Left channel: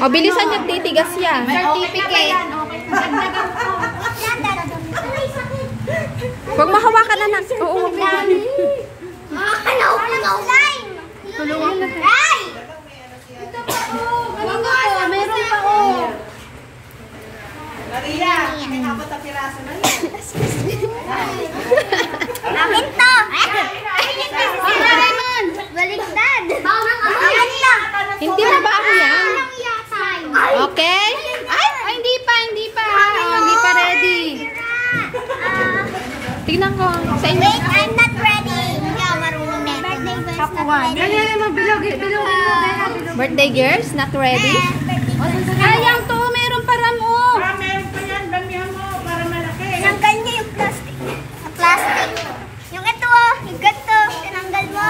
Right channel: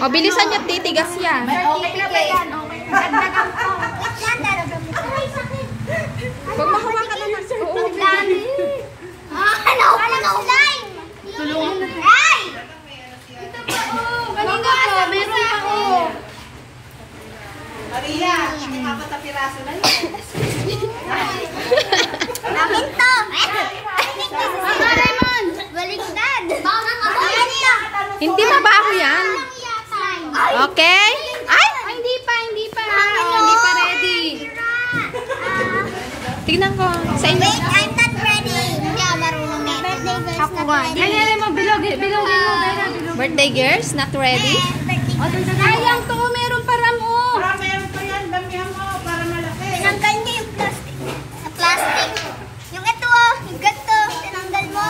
O, bilisan niyo, titigas yan. Certificate. Huwag mahawakan na lang. Oo. Tulungan mo. Ay! Ito pa oh. Galing ako. Meron pa ako. Maria, nakapot ang piraso na yun. Akin to. Raymond. Baliktad. Hindi mabaho yan. Okay? Ay! Hindi pa. Hindi pa ready. Tignan ko. Sa inyo. I'm not ready. Hindi ako marunong na. Kapuan. Bilog. Birthday girls, not ready? Ayang to. Meron pa ram oh. Meron pa yan, damihan mo para malaki. Tinanggal niya yung plastic. Plastic. Yung ito oh. Yung ganito. Tinanggal mo.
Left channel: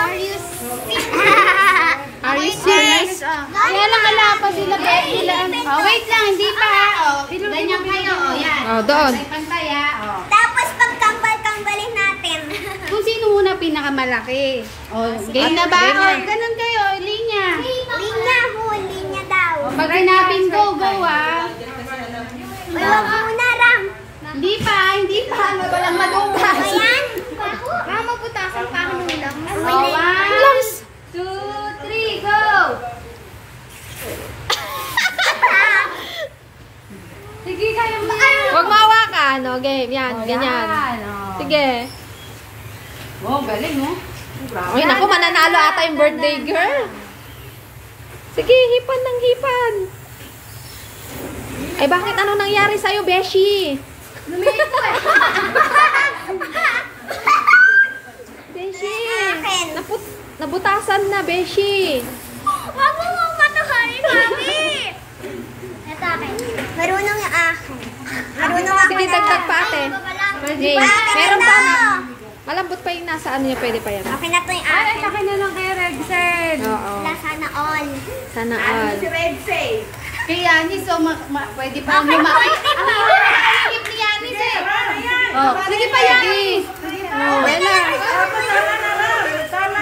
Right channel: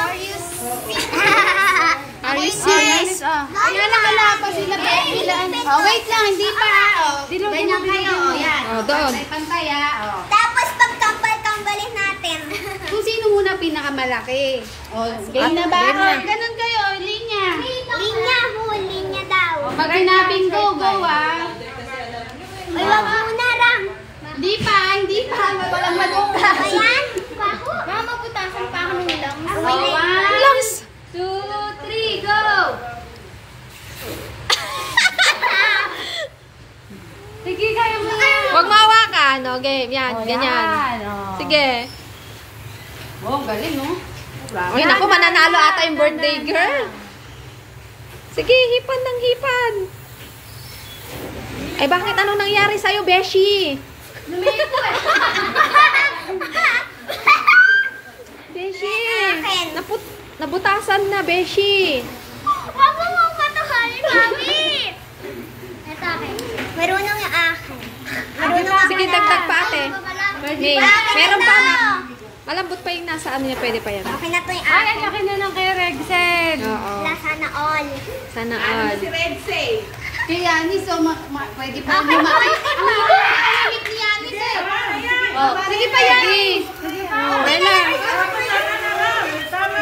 Are you serious? Kaya lang pa sila. Oh, wait lang. Hindi pa. Ganyan kayo. Oh, yan. Oh, doon. Pantay ah. Tapos pagkambal-kambalin natin. Kung sino muna pinakamalaki. Oh, game na ba? Game na. Ganun kayo. Linya. Linya daw. Pag hinapin ko, go ah. Ay, wag muna ram. Hindi pa. Walang mabutas. Ayan. Baka mabutasan pa ako ng lang. Lungs! 2, 3, go! Sige, kaya mo. Huwag mahawakan. O, game. Yan, ganyan. Sige. Oh, galing mo. Uy, naku, mananalo ata yung birthday girl. Sige, hipan ng hipan. Ay, bakit ano nangyari sa'yo, Beshi? Beshi, nabutasan na, Beshi. Wag mo mong matuhalin, mami. Ito akin. Marunong yung akin. Marunong ako. Sige, dagdag pa, ate. May, meron pa na. Malambot pa yung nasa ano niya, pwede pa yan. Okay na to yung akin. Ay, akin na lang kay Regsen. Oo. Sana all. Sana all. Si Redsay. Kaya Yanis, so pwede pa lumaki. Ang hihip ni Yanis eh. Oh, sige pa Yanis. Bella.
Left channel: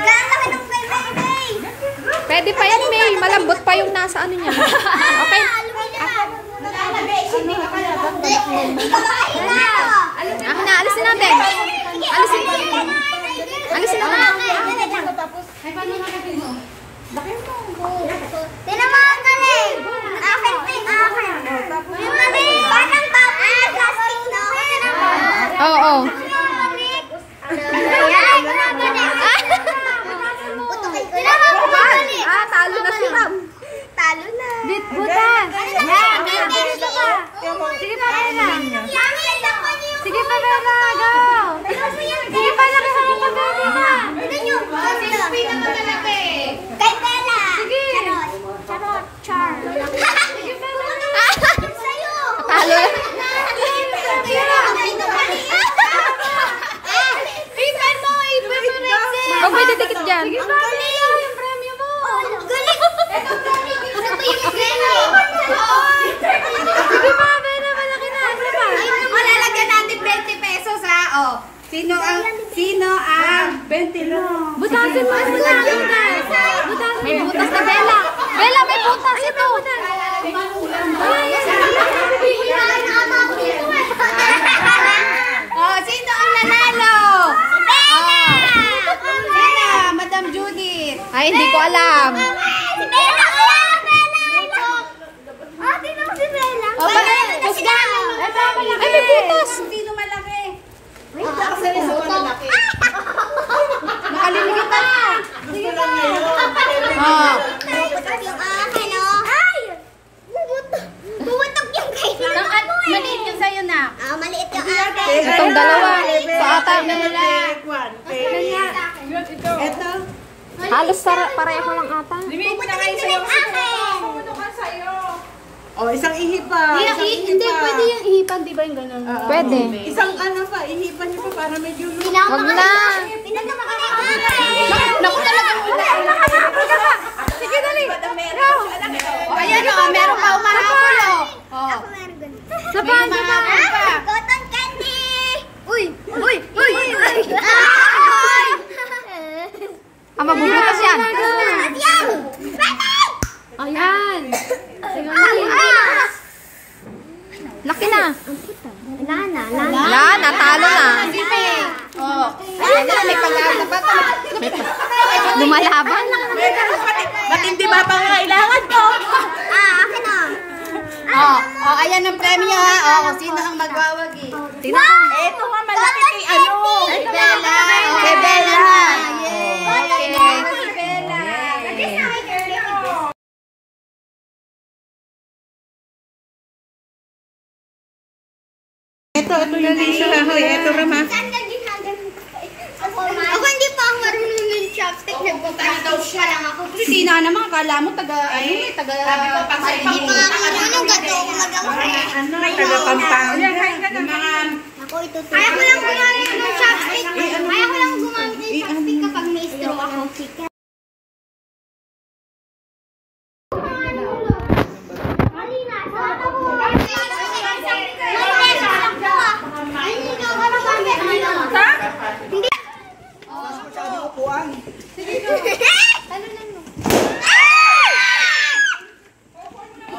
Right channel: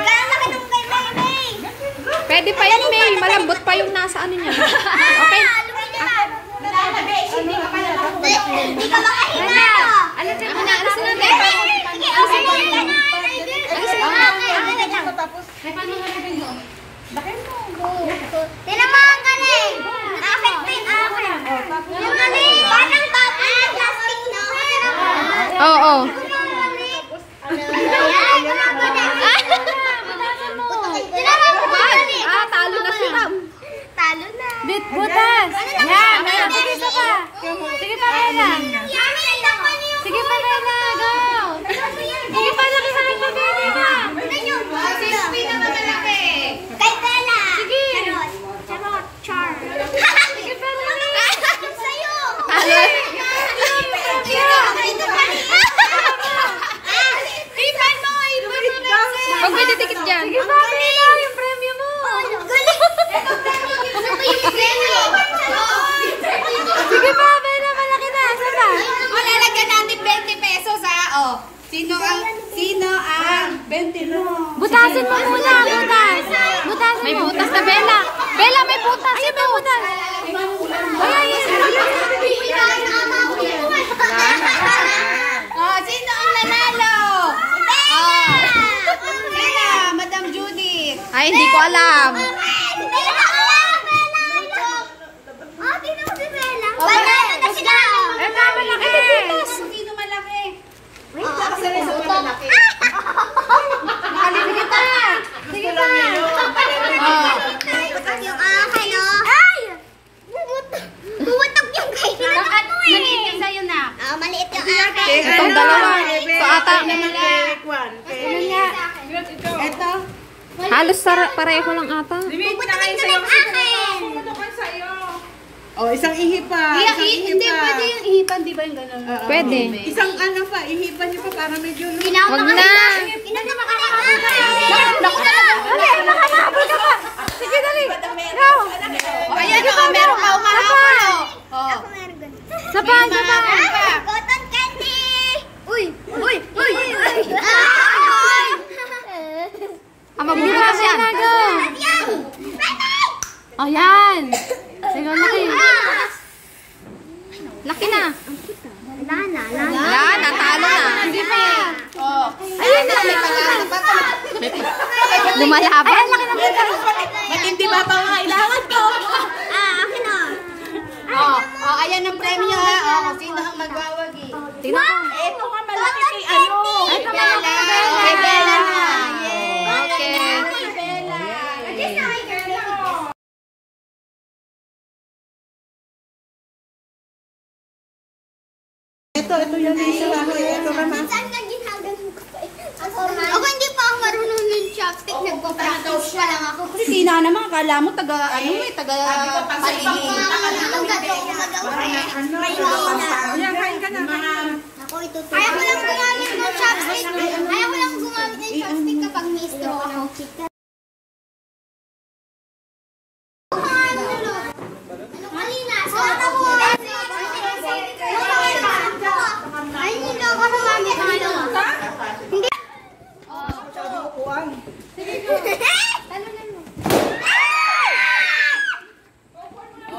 Gagawin kay May. Pwede pa yan, May. Malambot pa yung nasa ano niya. Okay. Hindi ka makahinga. Akin na, alisin natin. Alisin mo. Alisin mo. Tinan mo ang galing. Akin pa yung akin. Yung galing. Parang baboy na plastic na. Oo. Ah, talo na si Ram. Talo na. Butas. Yan. Sige pa, Bella. Sige pa, Bella. Go. Sige pa, lakihan pa, Bella. Sino pinakamalaki? Kay Bella. Sige. Char. Sige, Bella. Sa'yo. Talo. Ipan mo, Rexel. Huwag may didikit dyan. Sige pa, Bella. Yung premyo mo. Galing. Sige pa, Bella. Malaki na. Sige pa. Malalagyan natin 20 pesos ha. Oh. Sino ang 20 lang. Butasin mo muna. Butas. May butas na, Bella. Bella, may butas ito. Oh, sino ang nanalo? Oh. Sino? Madam Judith. Ay, hindi ko alam. Si Bella. Oh, tingnan mo si Bella. Banana na siya. Ay, may butas. Sino malaki? Ay, malaki. Nakalimit na. Gusto lang niya yun. Oh. Yung akin, oh. Ay! Bumutok yung kay Bella mo eh. Maliit yung sa'yo na. Ah, maliit yung akin. Itong dalawa. So, ata, Ito. halos pareho lang ata. Bumutokin ko na yung akin. Oh, isang ihipan. Hindi, pwede yung ihipan, di ba yung gano'n? Pwede. Isang ano pa, ihipan niyo pa para medyo lumaki. Wag na. Tingnan mo naku talaga. Sige, dali. Ayan o, meron ka umahabol o. Oh. Sa pa. Umahabol pa. Cotton candy. Uy. Ah, mabubutas yan. At yan. Ayan. Sige na. Lumalaban? Ba't hindi ba pang kailangan ko? Akin na. Ayan ang premyo ha. Kung sino ang magwawagi. Tingnan ko. Ito nga malaki kay ano. Kay Bella. Kay Bella na. Okay. Kay Bella. Ito yung Lisa ha. Ito Rama. Saan ka ginaganon ko pa? Ako hindi pa ako marunong yung chopstick. Nagpapalitaw siya lang ako. Sina naman, kala mo taga ano eh, taga Anong gato ko magawa? taga Pampanga. Yung mga Ako itutulong. Ayaw ko lang gumamit ng chopstick. Ayaw ko lang gumamit ng chopstick kapag may straw ako. Malina. Sa mata ko. Hindi.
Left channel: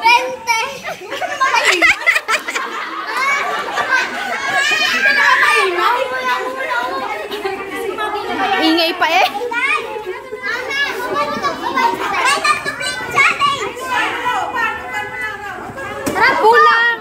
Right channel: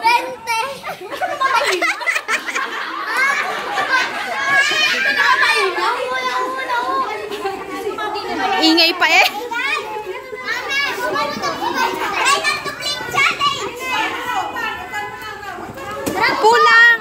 Bente. Ingay pa eh. Pulang.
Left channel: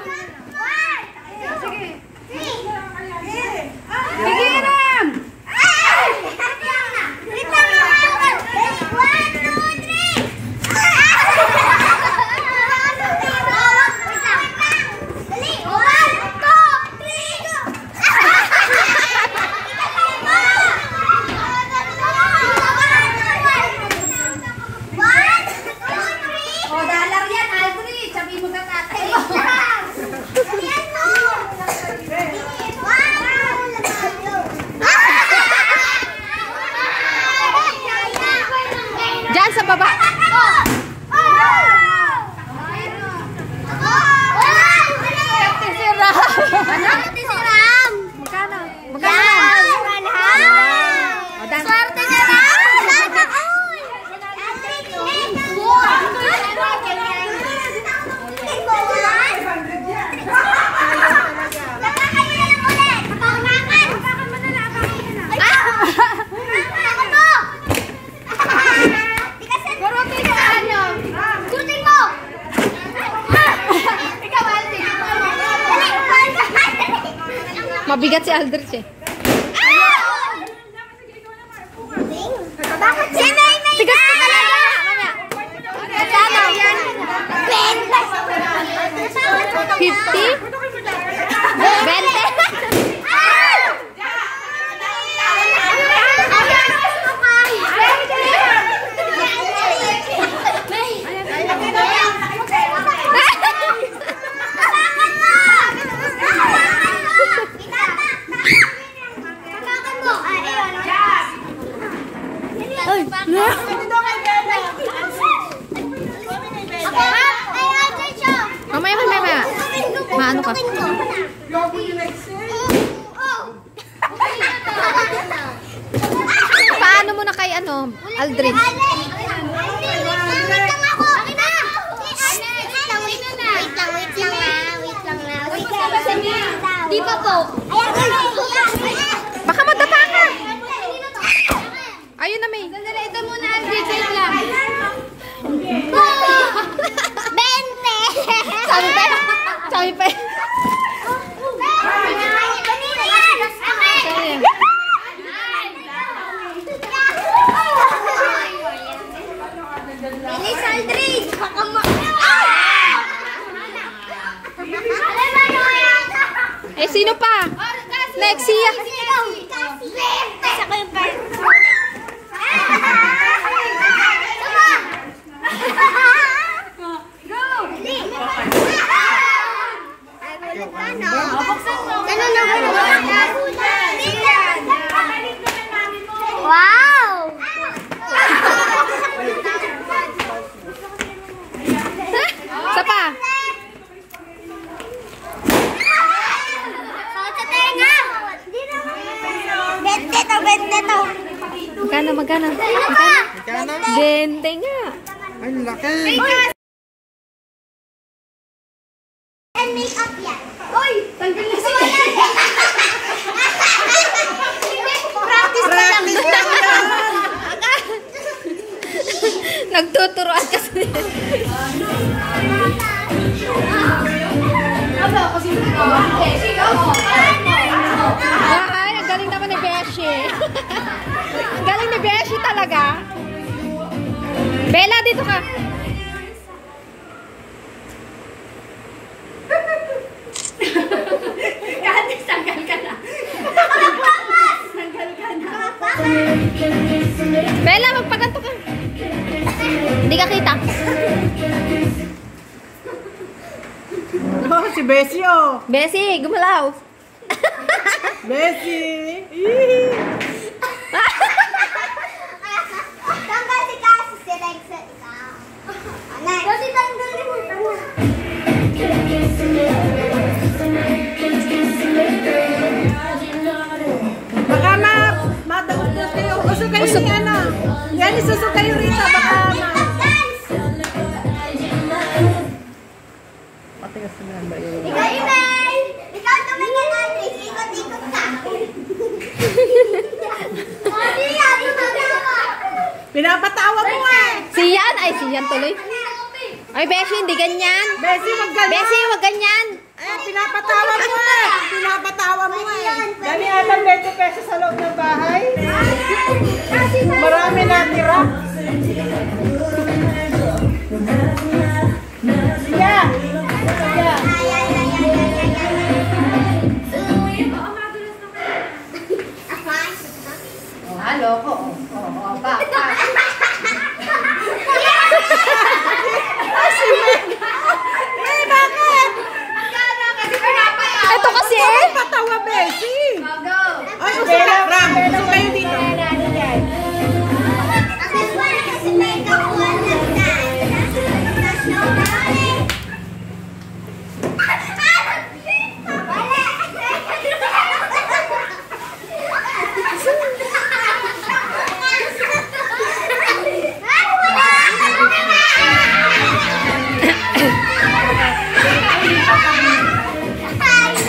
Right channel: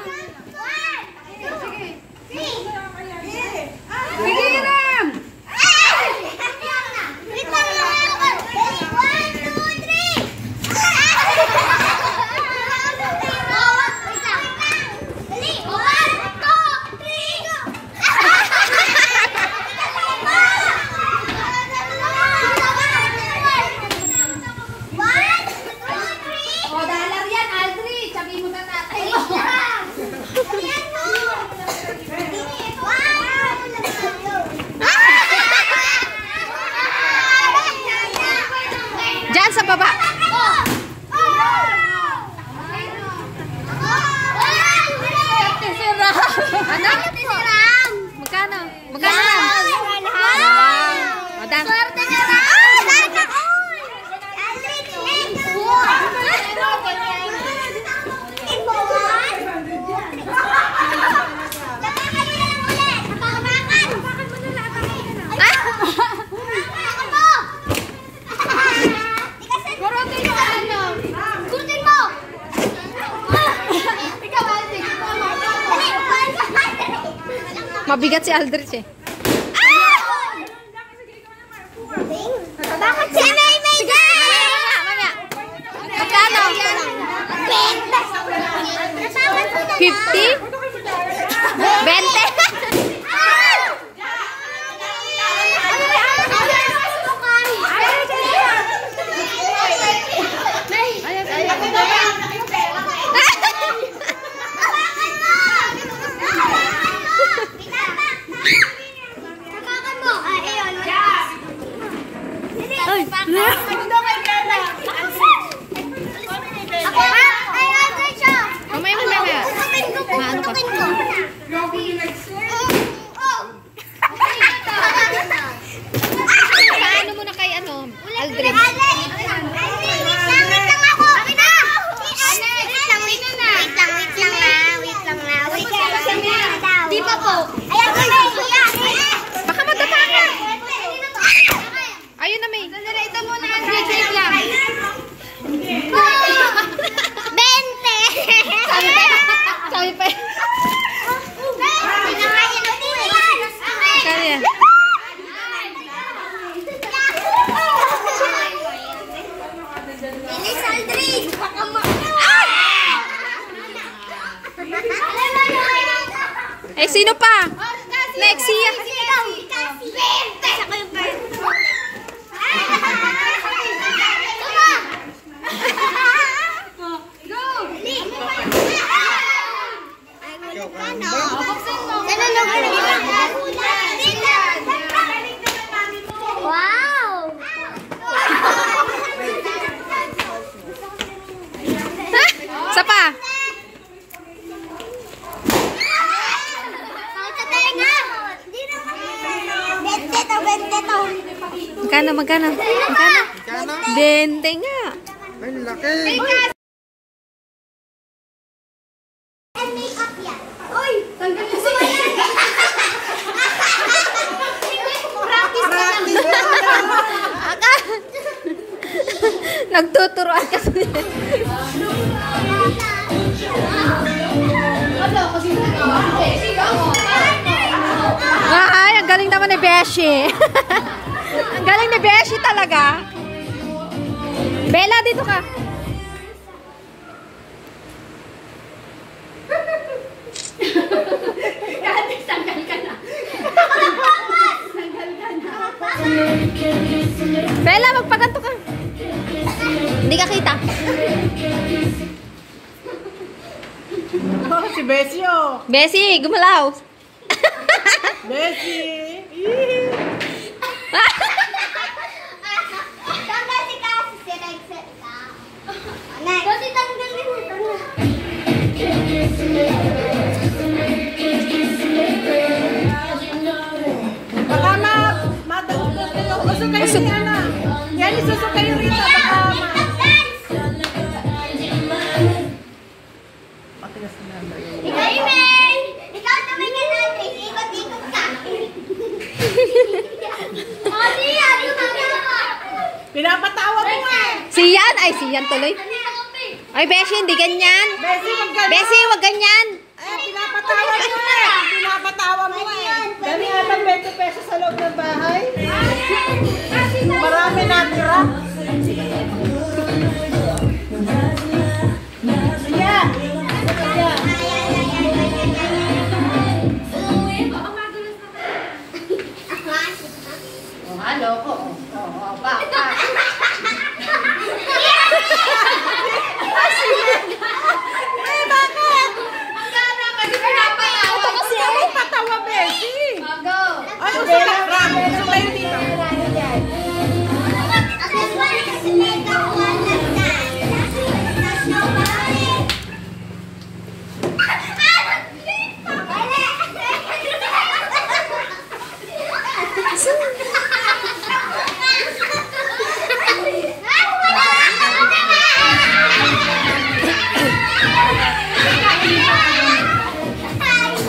Diyan sa baba. Ano? Magkano? Magkano yan? O, dan. Mabigat si Aldrich eh. Sige, mamaya. Magkano? 50? 20? Mamaya. Maano ka? Paano mo na kay ano, Aldrin? Di pa po. Baka madapa ka. Ayun na, May. Ito muna, Andre. Wait lang. 20! Sabi pa. Kaya yan. Bilis, Aldrin! Eh, sino pa? Next siya. Wow! Isa pa. Magkano? 20 nga. Ay, laki. Make up yan. Oy! Tanggal na siya. Practice na lang. Nagtuturoan kasi. Ay, ang galing naman ni Beshi. Ang galing ni Beshi talaga. Bella, dito ka. Sanggal ka na. Bella, magpaganto ka. Hindi ka kita. Oh, si Bessie, oh. Beshi, gumalaw. Bessie. Tanggal si Kasi si Rexel. Kasi tanggalin mo. Baka matagpos kayo. Usok kayo Usok. ni Ana. Yan, isusok kayo rito. Baka Patigas na lang ba yun? Ikaw, Imel! Ikaw naman yan, Andres. Ikot-ikot ka. Mami, ano magawa? Pinapatawa mo eh. Siyan, ay siyan tuloy. Ay, Beshi, hindi ganyan. Bessie, wag ganun. Beshi, wag ganyan. Eh, pinapatawa mo eh. Pinapatawa mo eh. Dami atang 20 pesos sa loob ng bahay. Marami natira. Yeah. Halo ko. Ito kasi eh. Patawa, Bessie. Go. Ay, usok ka. Ram, usok kayo dito.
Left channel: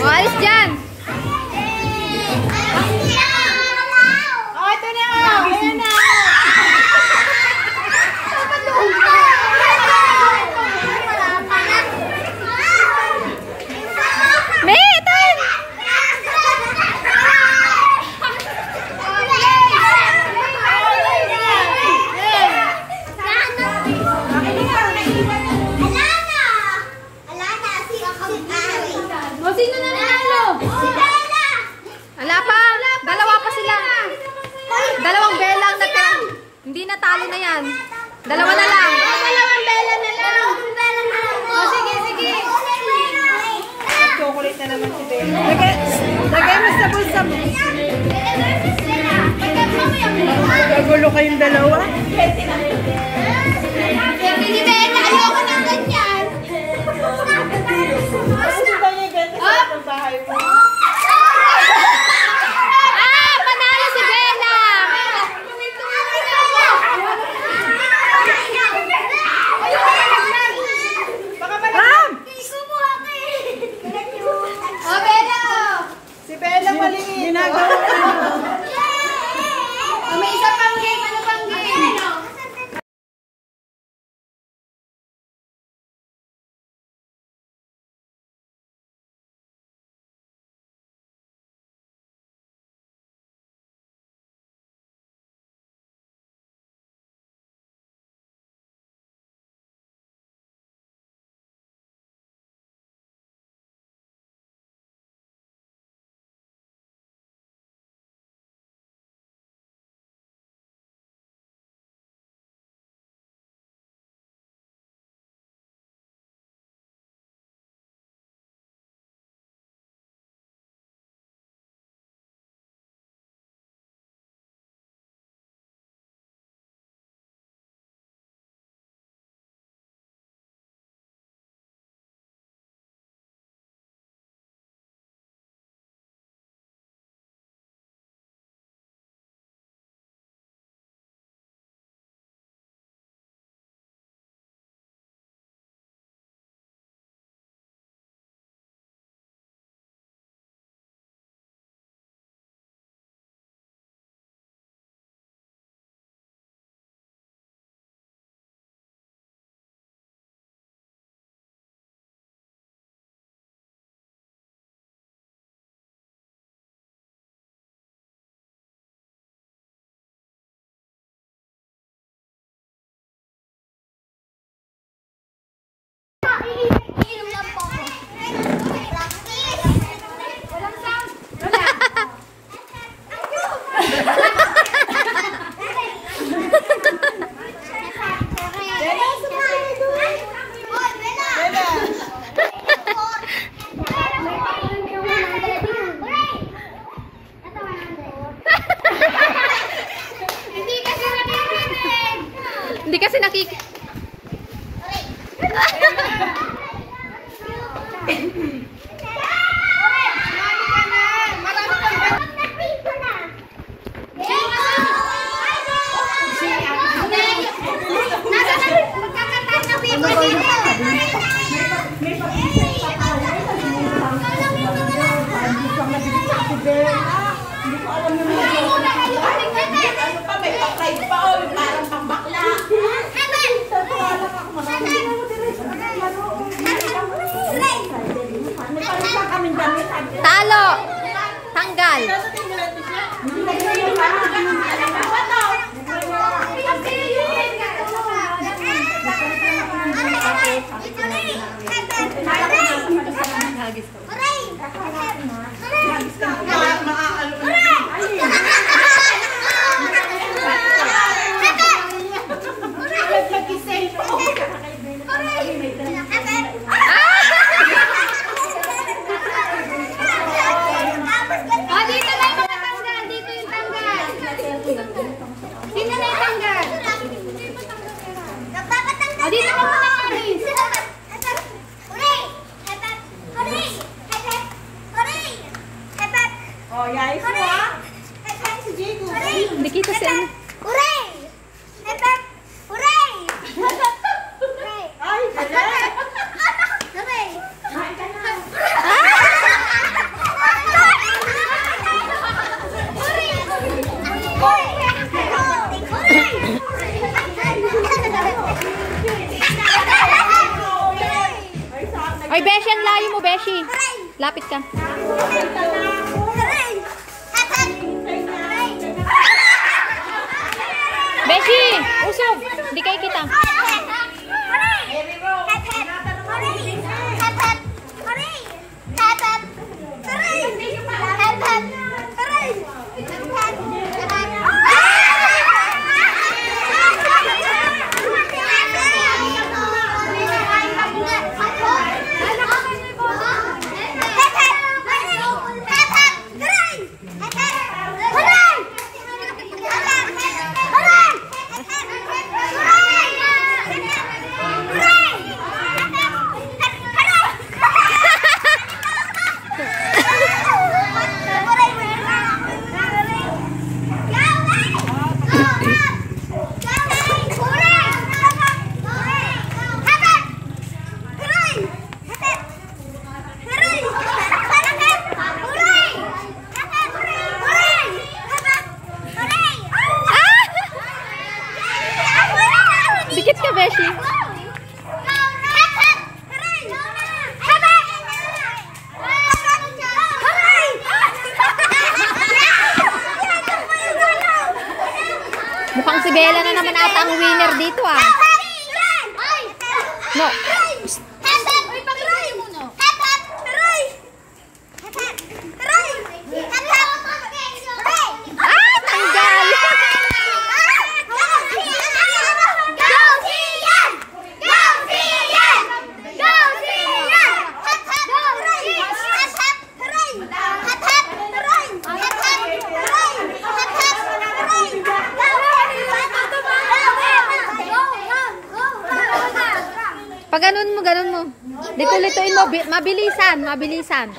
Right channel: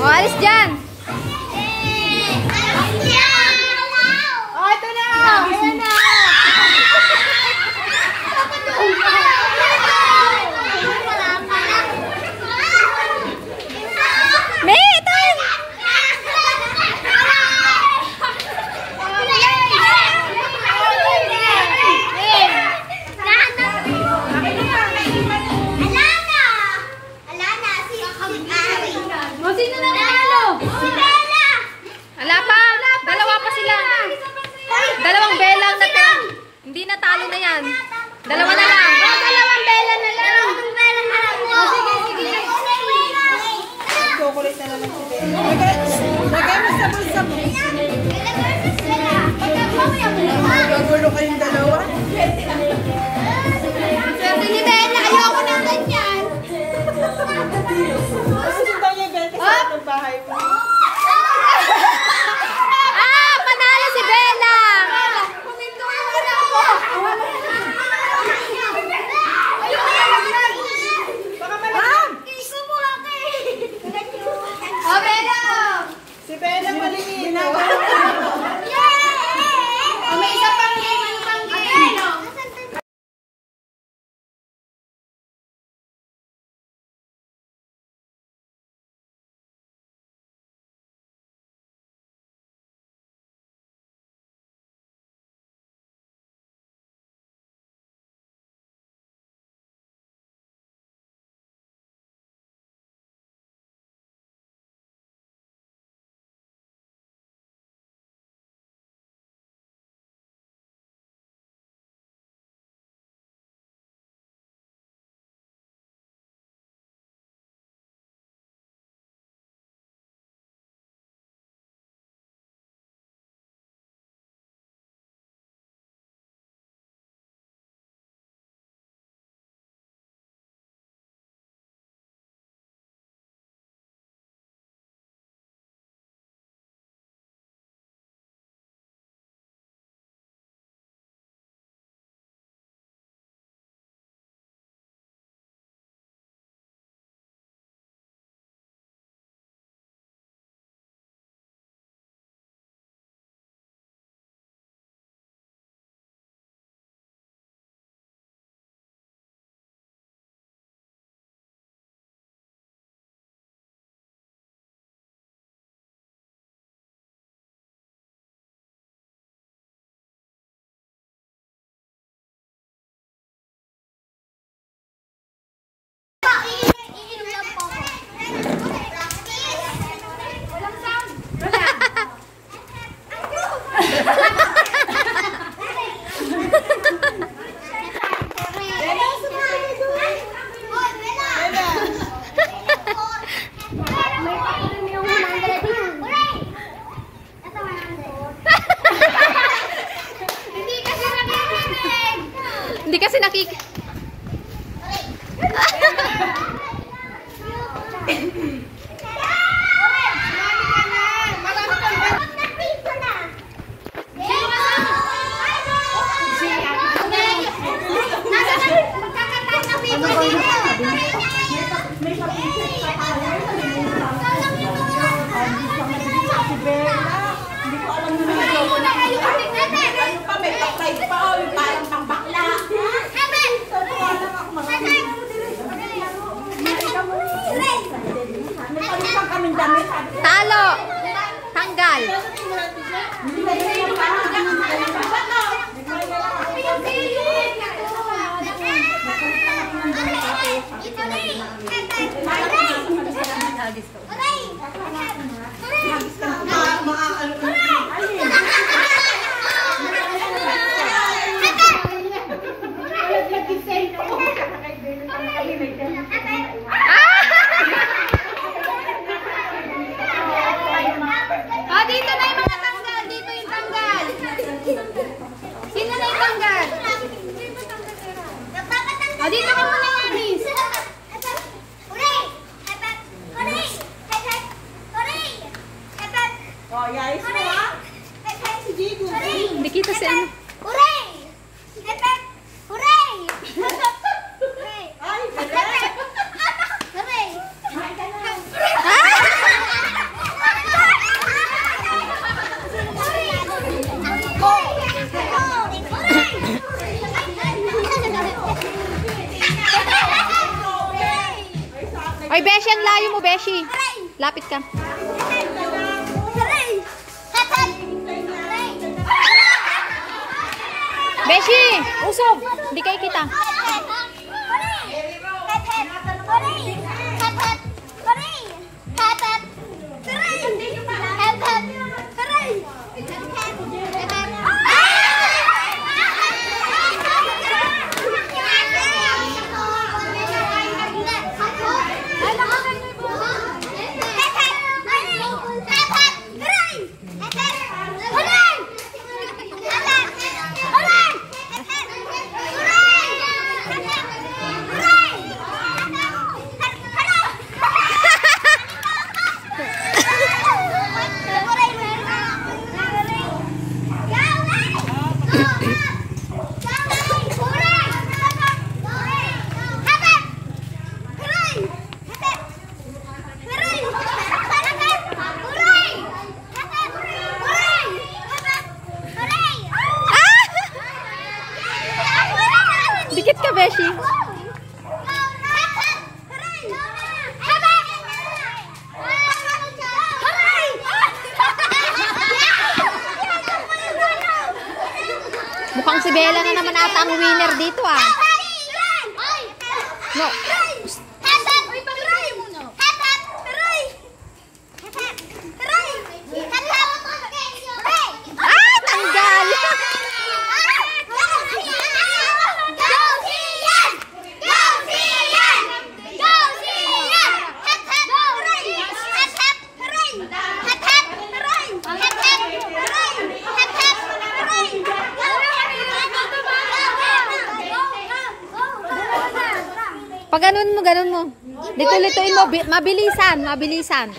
O, alis dyan. Oh, ito na. Ayan na. May, ito. Ala pa. Dalawa pa sila. Dalawang belang na ta. Hindi natalo na yan. Dalawa na lang. Chocolate na naman si Bella. Lagay mo sa bulsa mo. Gagulo kayong dalawa. Ayoko ng ganyan. Gusto daw niya ibenta sa loob ng bahay mo. Ah, panalo si Bella. Baka malam. Si Bella maliit. May isa pang game. Ano pang game? nakik... Talo! Tanggal! Dito na yung tanggal. Dito yung tanggal. Sino na yung tanggal? Dito ka muna, Aris. Hindi kita si ano. Ay, Beshi, ang layo mo, Beshi. Lapit ka. Beshi, usog. Hindi kayo kita. Dikit ka, Beshi. Mukhang si Bella na naman ata ang winner dito, ah. No. Ah, tanggal. Pag ganun mo. Dito-lituin mo. Mabilisan.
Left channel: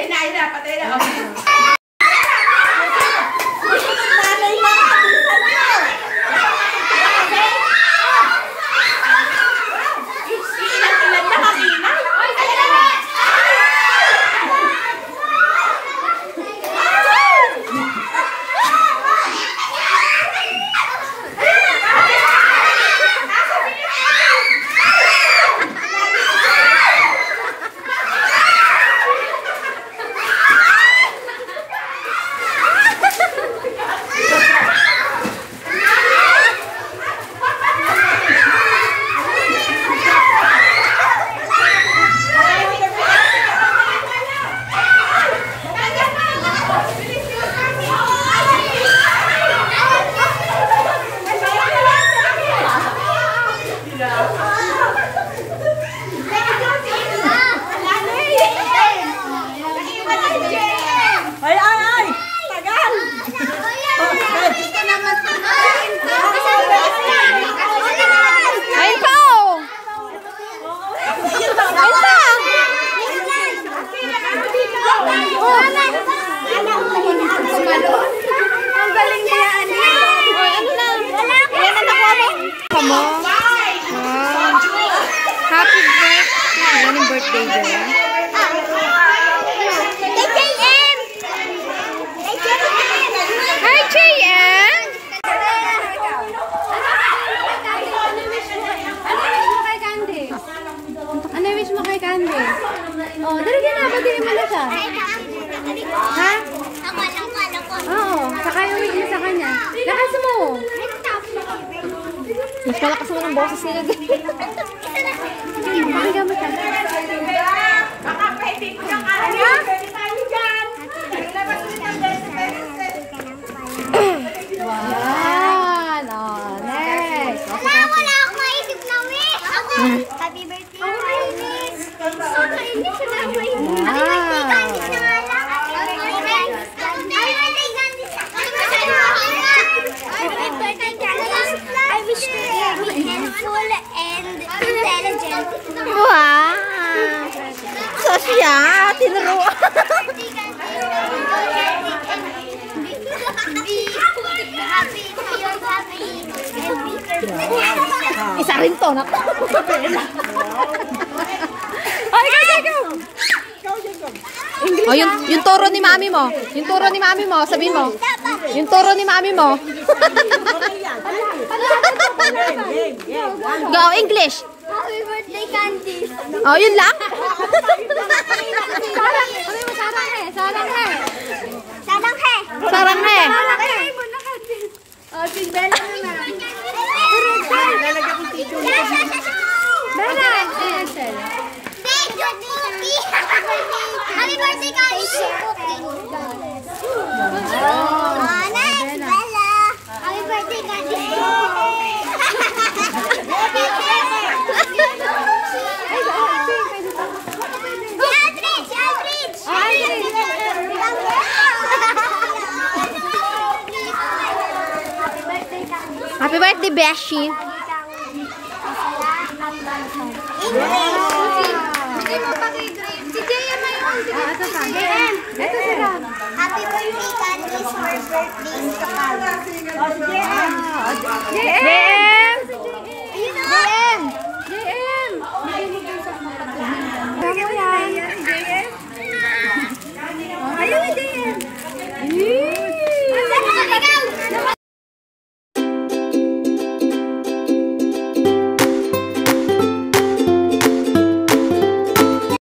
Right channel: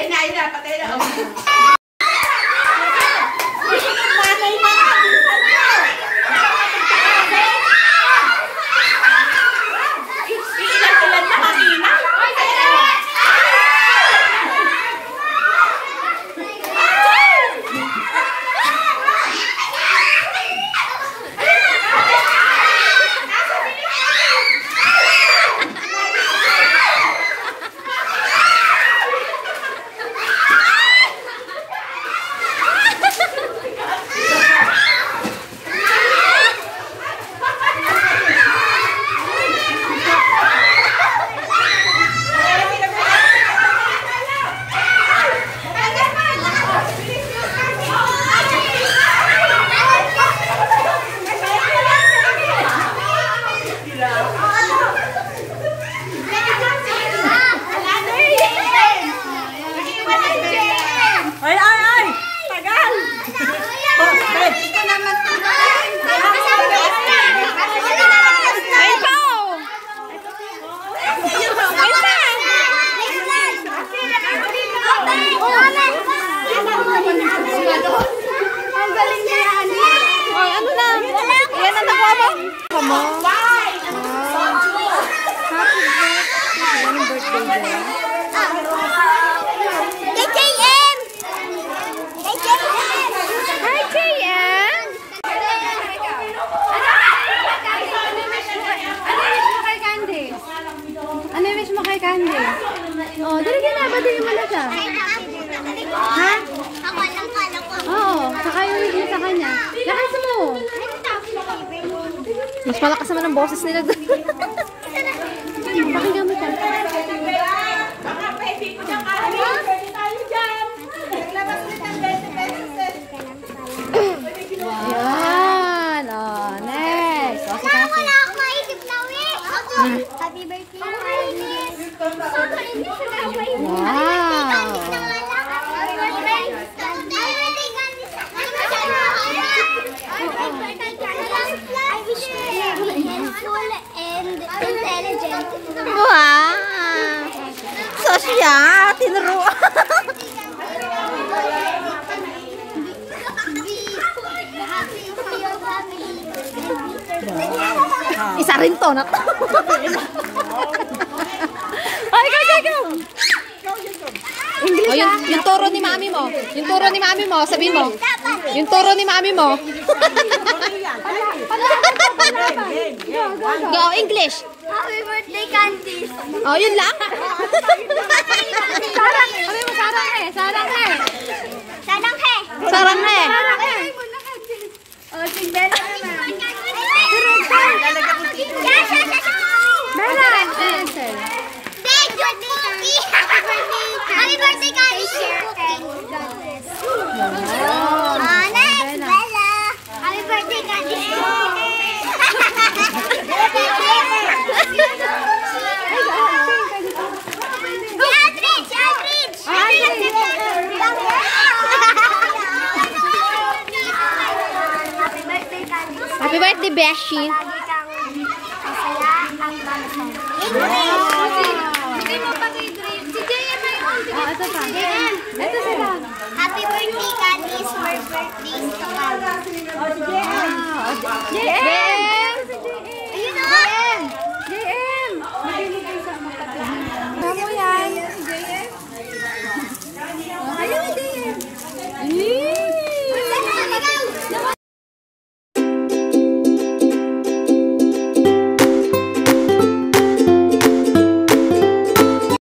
Ayun na, patay na. Happy birthday! Anong birthday dyan? Hi, JM! Ano wish mo kay Candy? Oh, dali ka na. Batiin mo na siya. Ha? Oo, saka yung wish mo sa kanya. Lakas mo! Mas malakas naman ang boses nila doon. Pakinggan mo siya. Baka pwede ko na karami. Tayo dyan. Labas din ang Wow! Oh, next. Wala akong maisip na wish. Happy birthday, Candice. Hindi ko na maisip. I wish you to be helpful and intelligent. Wow! So siya, tinuro. Happy to your family and be perfect. Isa rin to na to. Oh, yung toro ni mami mo. Yung toro ni mami mo, sabihin mo. Yung toro ni mami mo. Go, English. Happy birthday, Candice. Oh, yun lang? Sarang he. Oh, Cinderella na. Happy birthday, Candice. God bless. Next, Bella. Happy birthday, Candice. Happy birthday, Beshi. Lagi kang masaya at malusog. Happy birthday, Candice. More birthdays to come.